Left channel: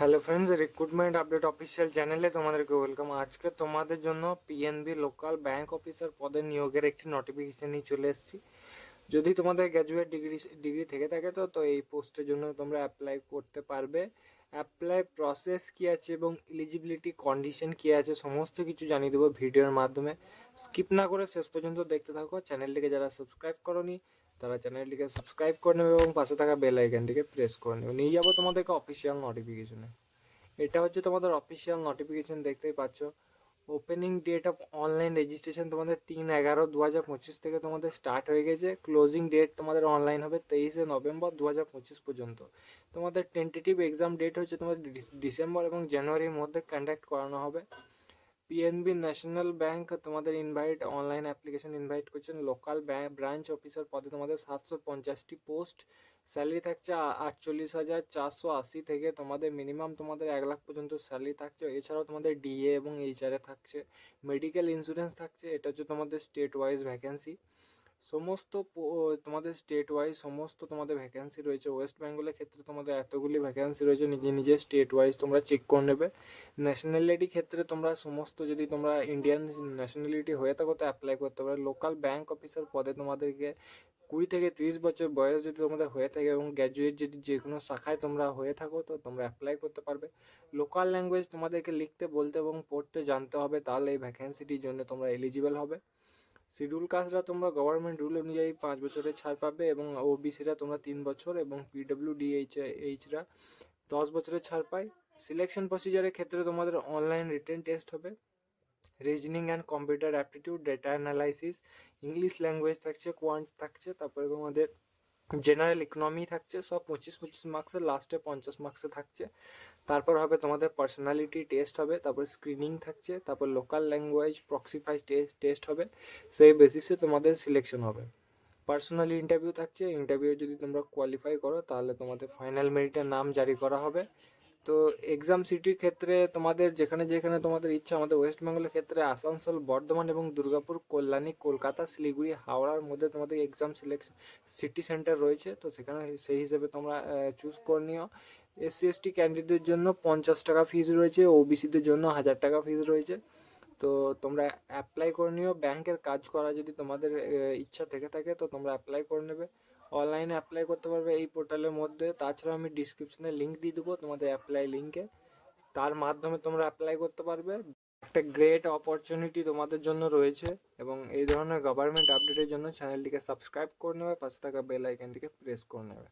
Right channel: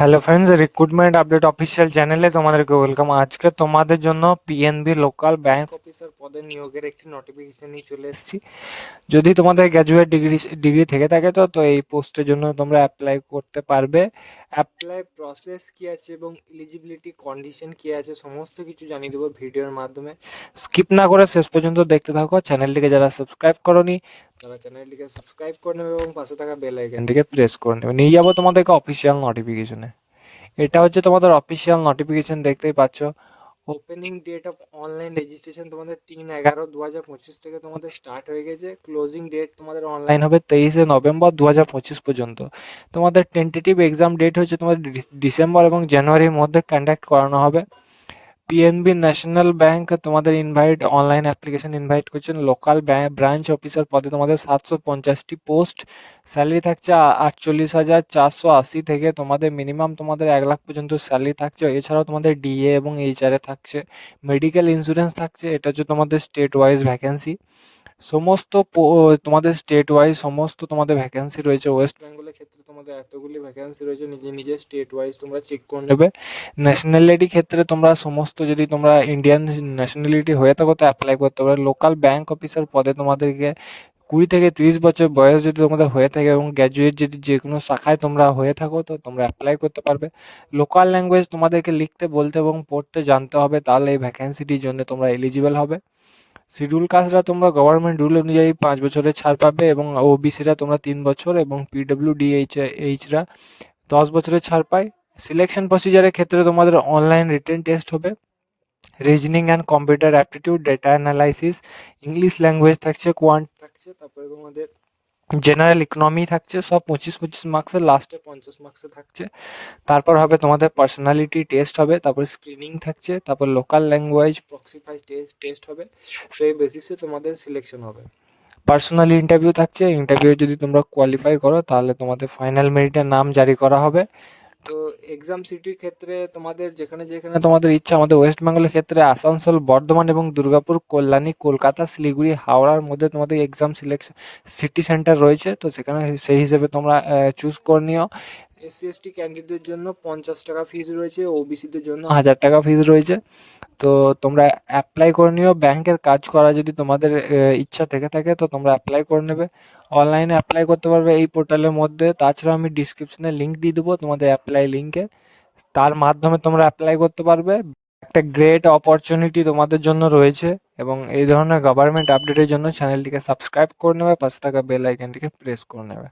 Hello friends recruitment update official চ্যানেলে তোমাদেরকে welcome আজকে তোমাদের জন্য পিএনবি লোকাল ব্যাংক অফিসার পদে নিয়োগের একটি নোটিফিকেশন নিয়ে চলে এসেছি। যদি তোমাদের গ্র্যাজুয়েট ডিগ্রি ডিগ্রি থেকে থাকে তো তো এই পোস্টের জন্য তোমরা অ্যাপ্লাই করতে পারবে। অ্যাপ্লাই প্রসেস কী আছে এবং এলিজিবিলিটি কন্ডিশন কী আছে, সমস্ত কিছু জানিয়ে দেবো ভিডিওর মাধ্যমে। স্কিপ না করে শেষ পর্যন্ত দেখতে থাকো চ্যানেলটিকে যারা সাবস্ক্রাইব করনি, তারা চ্যানেলটিকে সাবস্ক্রাইব করে নেবে এবং পাশে থাকা বেল আইকনটিকে প্রেস করে নেবে। নিয়ে যাব তোমাদেরকে অফিসিয়াল নোটিফিকেশনে এটা হচ্ছে তোমাদের অফিসিয়াল নোটিফিকেশন দেখতেই পাচ্ছ। Opening date of online registration তোমাদের তিন এগারো দু হাজার পঁচিশ থেকে তোমাদের স্টার্ট হয়ে গেছে। ক্লোজিং ডেট তোমাদের অনলাইন হবে তেইশে নভেম্বর দু হাজার পঁচিশ পর্যন্ত। তোমাদের টেন্টেটিভ এক্সাম ডেট হচ্ছে তোমাদের ডিসেম্বর এবং জানুয়ারির মধ্যে কন্ডাক্ট করানো হবে। পিএনবি ন্যাশনাল ব্যাংক তোমাদের ইনভাইট অনলাইন অ্যাপ্লিকেশন ইনভাইট করছেন লোকাল ব্রাঞ্চ অফিসার পদে তোমাদের সাতশো পঞ্চাশটি পোস্ট স্যালারি থাকছে আটচল্লিশ হাজার চারশো আশি থেকে তোমাদের মিনিমাম তোমাদের এক লাখ পর্যন্ত স্যালারি থাকছে। এছাড়াও তোমাদের ডিএ এবং এইচআরএ থাকছে। মেডিকেল ইন্স্যুরেন্স থাকছে। এটা হচ্ছে তোমাদের স্টেট ওয়াইজ ভ্যাকেন্সি সমস্ত তোমাদের স্টেট ওয়াইজ সমস্ত তোমাদের ভ্যাকেন্সি রয়েছে। ওয়েস্ট বেঙ্গলের ক্ষেত্রে তোমাদের এতগুলি ভ্যাকেন্সি রয়েছে, নিজে নিজে স্টেট ওয়াইজ তোমরা চেক করে নেবে। ন্যাশনালিটি ক্ষেত্রে তোমরা সমস্ত যদি তোমরা ইন্ডিয়ান ন্যাশনালিটি হয়ে থাকো, তো অ্যাপ্লাই করতে পারো। লোকাল ব্যাংক অফিসার পদে তোমাদেরকে কুড়ি থেকে তিরিশ বছর বয়স যদি তোমাদের হয়ে থাকে এবং গ্র্যাজুয়েট যদি যে কোনো শাখায় তোমরা হয়ে থাকো, তো তোমরা অ্যাপ্লাই করতে পারবে। লোকাল ল্যাঙ্গুয়েজ তোমাদেরকে লিখতে, বলতে এবং পড়তে জানতে হবে, তাহলে এই ভ্যাকেন্সিটির জন্য তোমরা এলিজিবল হবে। শিডিউল কাস্টরা তোমরা গভর্নমেন্ট রুল অনুযায়ী পাঁচ বছরের ছাড় পাবে এবং ওবিসিরা তোমরা তিন বছর এবং পিডব্লিউ ডিএইচ এইচরা দশ বছরের ছাড় পায়। সিলেকশন প্রসিজারের ক্ষেত্রে তোমাদের অনলাইন রিটেন টেস্ট হবে। Reasoning and computer aptitude data analysis English language থাকছে কোয়ান্ট থাকছে, তারপরে তোমাদের জেনারেল ইকোনমি থাকছে, সব পঁচিশ পঁচিশ মার্কসের লাস্টে পঞ্চাশ মার্কসে থাকছে। তারপর হবে তোমাদের পার্সোনালিটি টেস্ট হবে, তারপর স্ক্রিনিং থাকছে, তারপর local language proficiency test test হবে, সেই বেসিসে তোমাদের সিলেকশন হবে। পার্সোনালি ইন্টারভিউ থাকছে ইন্টারভিউ যদি তোমরা কোয়ালিফাই করো, তাহলে তোমাদের ফাইনাল মেরিটের নাম জারি করা হবে। তো এক্সাম সিটির ক্ষেত্রে তোমাদের যেখানে যেখানে তোমাদের ইচ্ছা, আমাদের ওয়েস্ট বেঙ্গলের ক্ষেত্রে আসানসোল, বর্ধমান এবং দুর্গাপুর, কল্যাণী, কলকাতা, শিলিগুড়ি, হাওড়ার মধ্যে তোমাদের এক্সাম সিলেকশন সিটি সেন্টার রয়েছে। তো সেখানে সেই হিসেবে তোমরা চুজ করে নিও। এসসি এসটি ক্যান্ডিডেটদের জন্য পঞ্চাশ টাকা ফিস রয়েছে ওবিসিদের জন্য হাজার টাকা ফিস রয়েছে। তো তোমরা অ্যাপ্লাই করে নিও ব্যাংকের কাজ করা যদি তোমাদের ইচ্ছা থেকে থাকে, তো তোমরা অ্যাপ্লাই করে নেবে। অনলাইনে অ্যাপ্লাই করতে পারবে এই পোর্টালের মধ্যে। তাছাড়া আমি ডিসক্রিপশনে লিঙ্ক দিয়ে দেবো তোমাদের অ্যাপ্লাই লিঙ্কে তার মাধ্যমে তোমরা অ্যাপ্লাই করতে পারবে। একটা গ্রেট অপরচুনিটি তোমাদের জন্য রয়েছে এবং এই ধরনের গভর্নমেন্ট আপডেটের জন্য চ্যানেলটিকে সাবস্ক্রাইব করে নেবে, পাশে থাকা বেল আইকনটিকে প্রেস করে নেবে।